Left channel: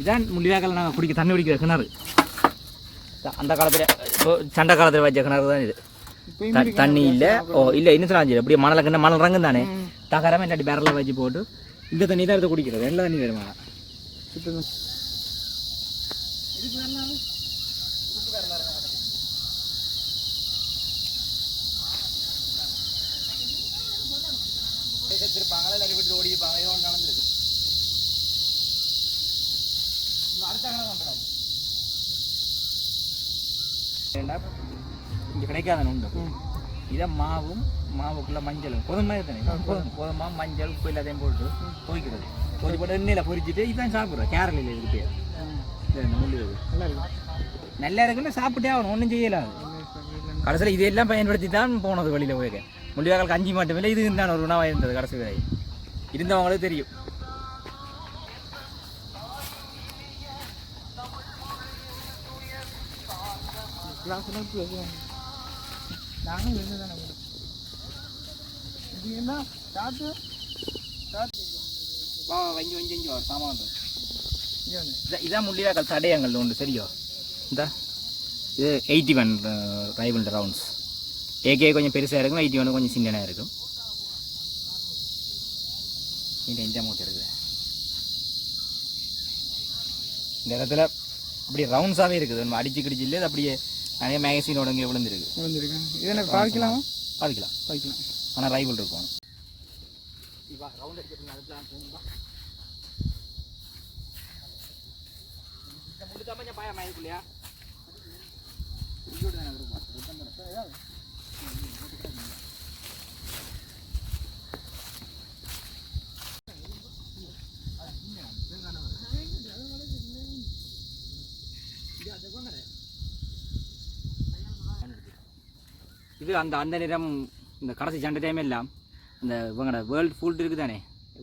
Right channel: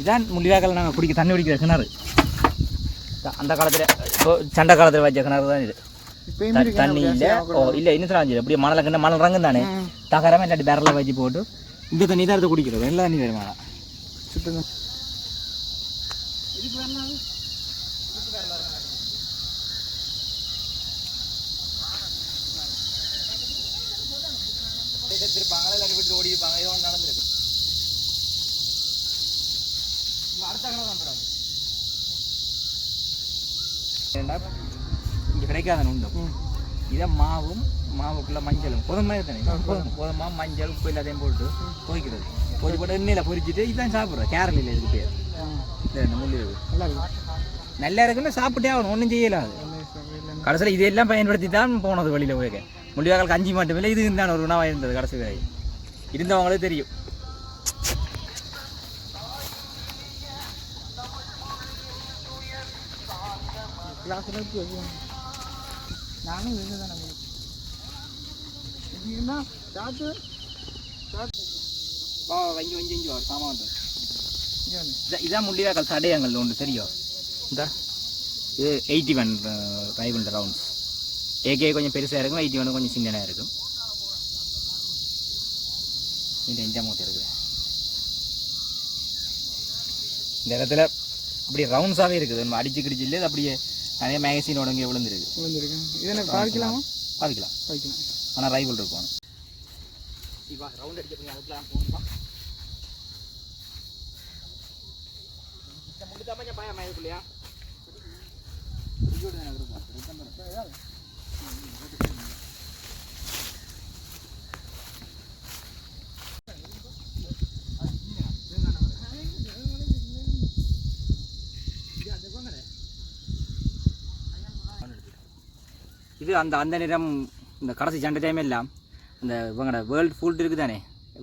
இதான் முடிவாக்கல நாங்கள் குடிக்க தண்ணி குடிக்கிற கிணறு. அந்த காலத்தில் இப்போ சண்டை காலத்தில் வச்ச கிணறு தான் இது. தண்ணி இல்லை. ஓ இல்லை இன்னும் சொல்லாச்சு அப்படியே மணல் கிண்ண மணல் ரங்கும் தானே. தகரமே இல்லாட்டி பேரலில் வச்சு போட்டு இந்த தண்ணி தான் எடுத்து குடிக்கிறது. எல்லா தண்ணி வருமா சுத்தம் இல்லாட்டி விட்டு ஓடிப்பாங்க ஏதோ நடந்திருக்கு. ஏண்டா? இங்கே கிடைக்காத உண்டு இதை மாவும் மாவுக்குள்ள மஞ்சளும். கோதுமை தானே? கோதுமை கோதுமை. மஞ்சள் உப்பு எல்லாத்தையும் போட்டு துவைக்கிறது துவைச்சி போட்டு எண்ணெயில் பொரிச்சிட்டு இதான் சாப்பிட்றோம் கேரளில் இதுக்கு பேர். நல்லா இருக்கு. நல்லா இருக்குன்னு சாப்பிட்டே ஆகணும். ஒன்றும் செய்யலாது கடைசியில் இதெல்லாம் பயன்படுத்தி தான் போனது வெளியில் போயிருக்க முடிவாக்களுக்கு அஞ்சு மட்டுமே இது தான் ஒரு உணவாக இருந்தது கடைசி வரை. இருந்தவங்களுக்கு தெரியும். கிளாஸ் நோட்டு நானும் இருந்து தானே இப்படின்னா என்ன சாத்து சாத்து வஞ்சி வஞ்சி வஞ்சி வரும் சாமான் இது இதான் இதான் முள்ளிவாக்கல் தடயங்கள் ஒன்று சரியோ இந்த இது eighty one rival rounds AK கொஞ்சம் பெருசாக இருக்கும் எயிட்டி ஒன் கொஞ்சம் சின்னதாக இருக்கும் இந்த இந்த மூட்டை இருக்குது இந்த இடத்துல அப்படியே ரவுண்ட்ஸாகவே இருக்குது. நம்ம அடிச்சு கிடிச்சு இல்லை அப்படியே நிறைய மேகசினோட இங்கே விழுந்துருக்கு. வந்துருக்கேன் இது என்ன பாவிக்கலாமா பாதிக்கலாம். வைக்கலாம் ஆனால் ரைவல் இருக்கும். ரவுண்ட் அடிச்சிருக்கீங்க அதுக்கெல்லாம் போகணுமா இது அந்த அந்த நேரம் இந்த கடைசி சண்டை டைம் எல்லாம் அந்த இவங்கட வேர்ல்டு ஃபுட் இருக்குது தானே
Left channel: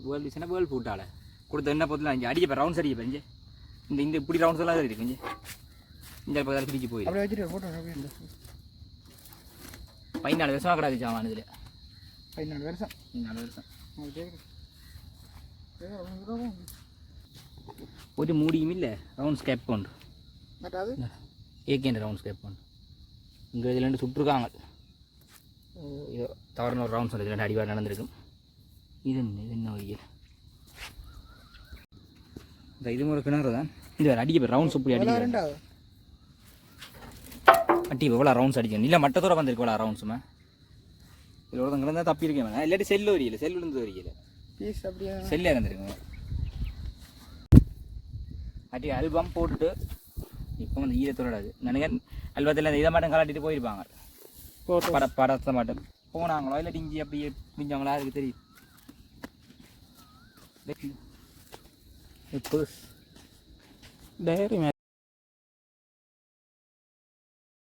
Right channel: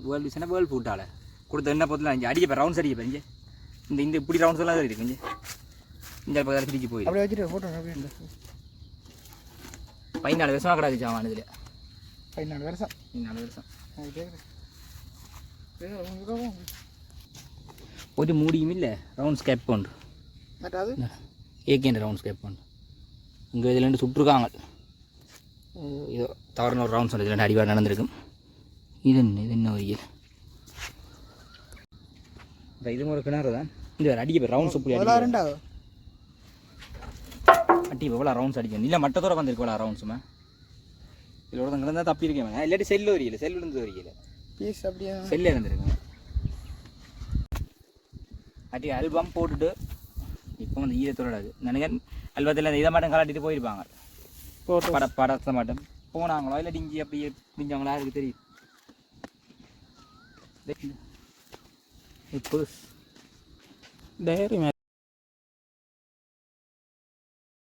வேர்ல்டு சொன்னால் வேர்ல்டு ஃபுட்டால் கொடுத்த என்ன பொருள் இங்கே அடிக்க ரவுண்ட்ஸ் அடிக்க இங்கே இந்த இந்த இப்படி ரவுண்ட்ஸ் எல்லாம் இருக்கு இங்கே இந்த பக்கத்தில் பிடிச்சி போயிடும் அப்படியே வச்சுட்டு ஃபோட்டோ பதினாலு வருஷமாக கிடக்கு சாமான் இதில் பதினாலு வருஷம் பதினாலு வருஷம் நான் கேட்குறேன் உங்களுக்கு ഒരു മൂടിയും ഇല്ലേ റൗണ്ട് സ്കേപ്പ് ഉണ്ട് എന്നിട്ട് അത് ஏகேண்ட ரவுண்ட் ஸ்கேப் ഉണ്ട് இங்கே இதில் ரெண்டு சுற்றுருக்காங்க இது தவறுன ஒரு ரவுண்ட்ஸ் இதில் ரெண்டு அடிவாடு நடந்திருக்கும். இது என்ன இது என்ன ஒரு இந்த இது ஒரு கிணறு தான். இது வேறு அடிக்க ரவுண்ட்ஸ் இப்படி அதெல்லாம் அடிக்க அட்டி எவ்வளோ ரவுண்ட்ஸ் அடிக்கணும் இல்லை மட்டத்தோட வந்திருக்கு இவ்வளோ ரவுண்ட்ஸுமா இதில் ஒருத்தங்க இருந்தால் தப்பி இருக்கேன் இல்லாட்டி செல்லு வரையில செல் விழுந்து வரையில பீஸ் அப்படியே? செல்லு இறந்துருங்க அட்டி ஆல்பம் போட்டுட்டு இப்போ வந்து ஈரத்தோட நினைக்கிறேன் அல்பத்தில் இந்த இதை மட்டும் கலாட்டிட்டு போயிருப்பாங்க. ஃபோட்டோ பட படத்தை மட்டும் போனாங்களோ இல்லை டிஞ்சி அப்படியே பிடிஞ்சாங்களா அதுக்கு தெரியும் இப்போ டைரி